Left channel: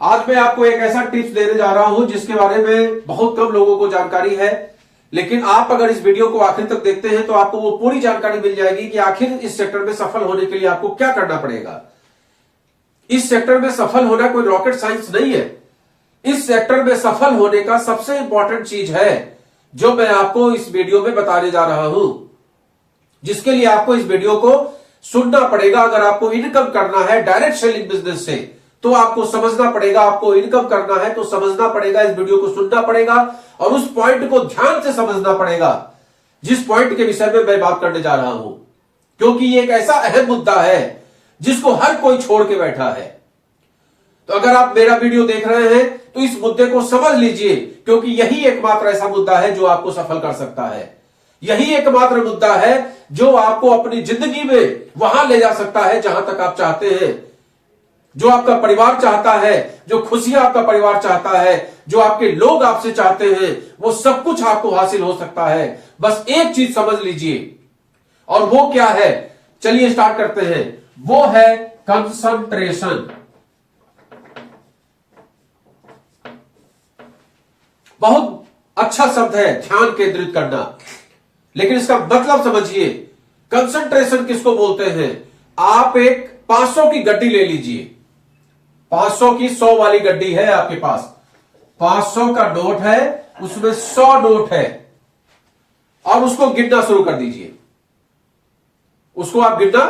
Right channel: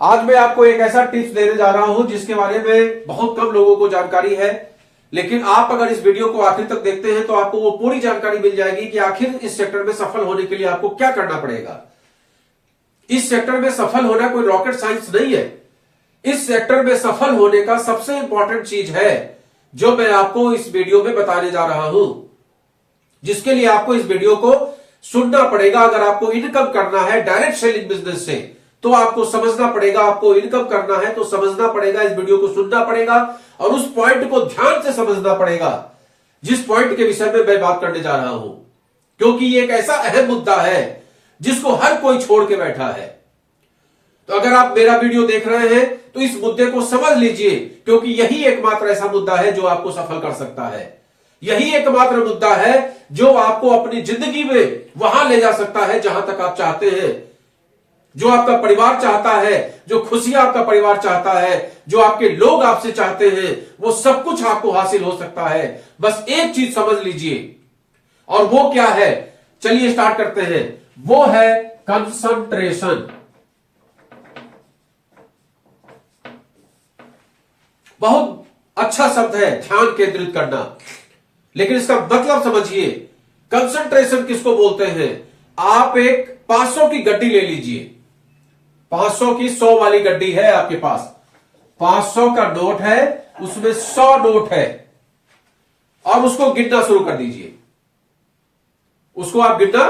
आज मैं आपको एक ऐसा टिप्स देने जा रहा हूं जिसके बारे में बहुत कम लोगों को जानकारी है, लेकिन आप अगर इस वीडियो को आखिर तक देखते हैं तो आपको वो पूरी जानकारी मिल जाएगी कि आखिर इस सेक्टर में सफल होने के लिए आपको क्या करना पड़ेगा। इस सेक्टर में सफल होना कोई रॉकेट साइंस नहीं है। इस सेक्टर में सफल होने का सबसे इंपॉर्टेंट चीज है जो मैं आपको इस वीडियो में बताने जा रहा हूं, जिसके लिए आपको इस वीडियो को सुनना पड़ेगा। अगर आपको इनकम करना है डायरेक्ट सेलिंग बिजनेस से तो आपको समझना पड़ेगा, आपको इनकम करना है तो समझना पड़ेगा, इस वीडियो को सुनना पड़ेगा और उस पॉइंट को ध्यान से समझना पड़ेगा जिस पॉइंट के विषय में मैं बात करने जा रहा हूं, क्योंकि ये एक ऐसा अहम मुद्दा है जिसको हर कोई छोड़ के बैठा है। तो अगर आप मेरा वीडियो देख रहे हैं तो इस मुद्दे को समझ लीजिए, क्योंकि यही एकमात्र ऐसा मुद्दा है जो आपको सफल कर सकता है। यही एकमात्र मुद्दा है जो आपको अपनी जिंदगी में वहां ले जा सकता है जहां तक आप चाहते हैं, जो आपका परिवार चाहता है, जो खुशियां आपका परिवार चाहता है, जो आपके लोग आपसे चाहते हैं, वो सब कुछ आपको हासिल हो सकता है। बस एक चीज समझ लीजिए, और वो क्या है, चलिए स्टार्ट करते हैं। वो है कंसंट्रेशन। बहुत अच्छा शब्द है ध्यान केंद्रित करना, लेकिन इसका मतलब समझिए। कंसंट्रेशन किसको बोलते हैं? आप एक 500 की गड्डी ले लीजिए, 500 की 100 वाली गड्डी है आपके पास, 500 का नोट है, उसमें 100 नोट है, और उसको गिनना शुरू कर दीजिए। उसको आप गिनना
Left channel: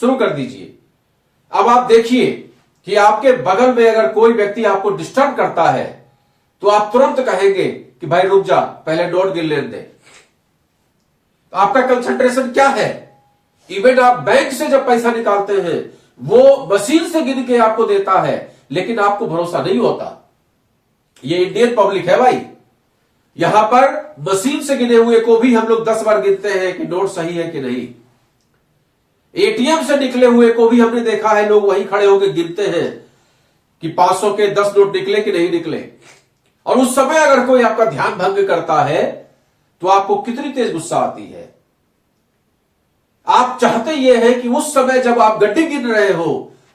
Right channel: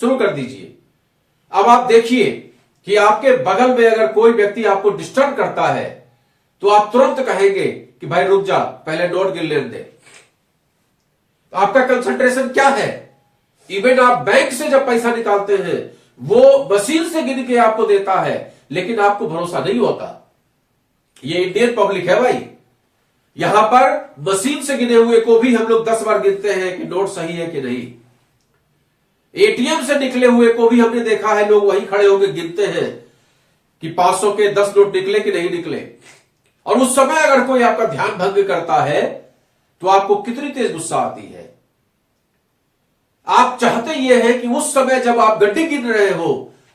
शुरू कर दीजिए। अब आप देखिए कि आपके बगल में अगर कोई व्यक्ति आपको डिस्टर्ब करता है तो आप तुरंत कहेंगे कि भाई रुक जा, पहले नोट गिन लेने दे। तो आपका कंसंट्रेशन क्या है? इवन आप बैंक से जब पैसा निकालते हैं वो मशीन से गिन के आपको देता है, लेकिन आपको भरोसा नहीं होता। ये इंडियन पब्लिक है भाई, यहां पर मशीन से गिने हुए को भी हम लोग 10 बार गिनते हैं कि नोट सही है कि नहीं। एटीएम से निकले हुए को भी हमने देखा है, लोग वहीं खड़े होकर गिनते हैं कि 500 के 10 नोट निकले कि नहीं निकले। और उस समय अगर कोई आपका ध्यान भंग करता है तो आपको कितनी तेज गुस्सा आती है। आप चाहते यह है कि उस समय जब आप गड्डी गिन रहे हो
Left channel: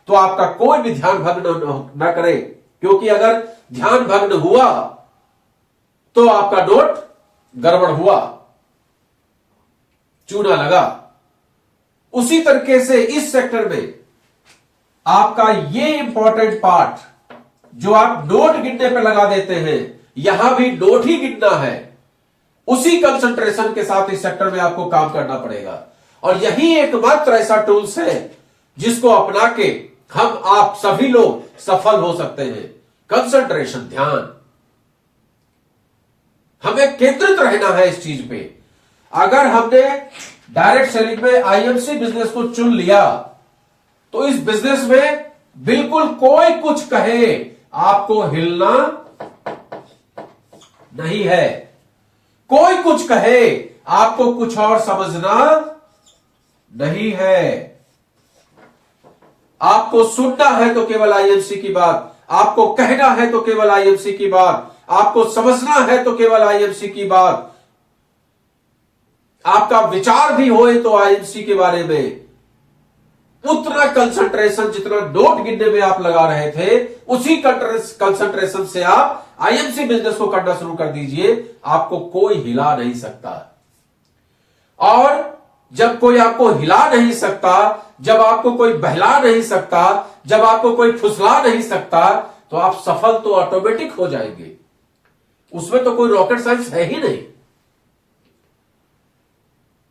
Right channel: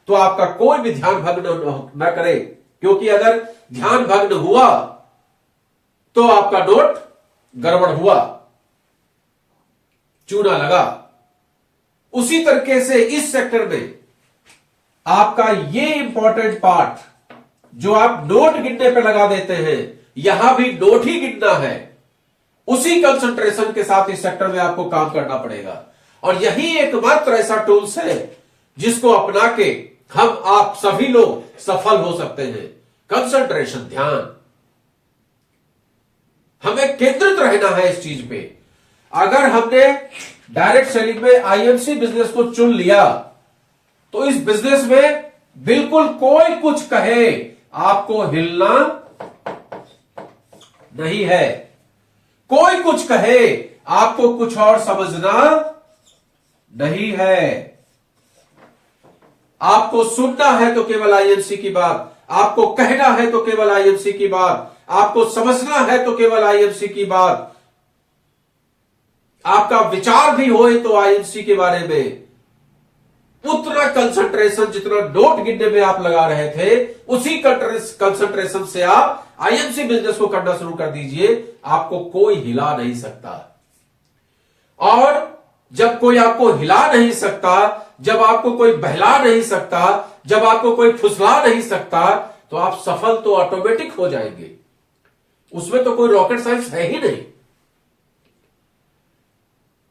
तो आपका कोई भी ध्यान भंग न करे, क्योंकि अगर ध्यान भंग हुआ तो आपका नोट गड़बड़ हुआ, चूना लगा। उसी तरीके से इस सेक्टर में आपका ये इंपॉर्टेंट पार्ट जो आप नोट गिनने पे लगा देते हैं, यहां भी नोट ही गिनना है। उसी कंसंट्रेशन के साथ इस सेक्टर में आपको काम करना पड़ेगा, और यही एकमात्र ऐसा टूल्स है जिसको अपना के हम आप सभी लोग सफल हो सकते हैं। कंसंट्रेशन, ध्यान, हमें केंद्रित रहना है इस चीज पे। अगर हमने डायरेक्ट सेलिंग में आईएमसी बिजनेस को चुन लिया तो इस बिजनेस में बिल्कुल कोई कुछ कहे आपको हिलना नहीं है। कोई कुछ कहे आपको कुछ और समझना नहीं है। आपको सुनना है तो केवल आईएमसी की बात, आपको कहना है तो केवल आईएमसी की बात, आपको समझना है तो केवल आईएमसी की बात, आपका विचार भी होए तो आईएमसी के बारे में। उतना कंसंट्रेशन जितना नोट गिनने में आप लगा रहे थे, उसी कंसंट्रेशन से आप आईएमसी बिजनेस को करना शुरू कर दीजिए। आपको कोई हिला नहीं सकता, और जब कोई आपको हिला नहीं सकता, जब आपको कोई बहला नहीं सकता, जब आपको कोई फुसला नहीं सकता, तो आप सफल तो ऑटोमेटिक हो जाएंगे। उसमें तो कोई रॉकेट साइंस है ही नहीं।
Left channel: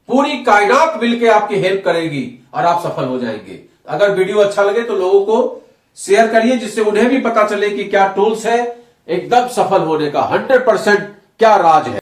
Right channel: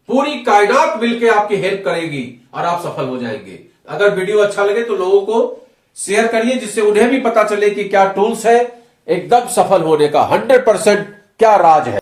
पूरी कायनात मिलकर आपकी हेल्प करेगी और आप सफल हो जाएंगे। अगर वीडियो अच्छा लगे तो लोगों को शेयर करिए, जिससे उन्हें भी पता चले कि क्या टूल्स है एकदम सफल होने का, 100% क्या राज है।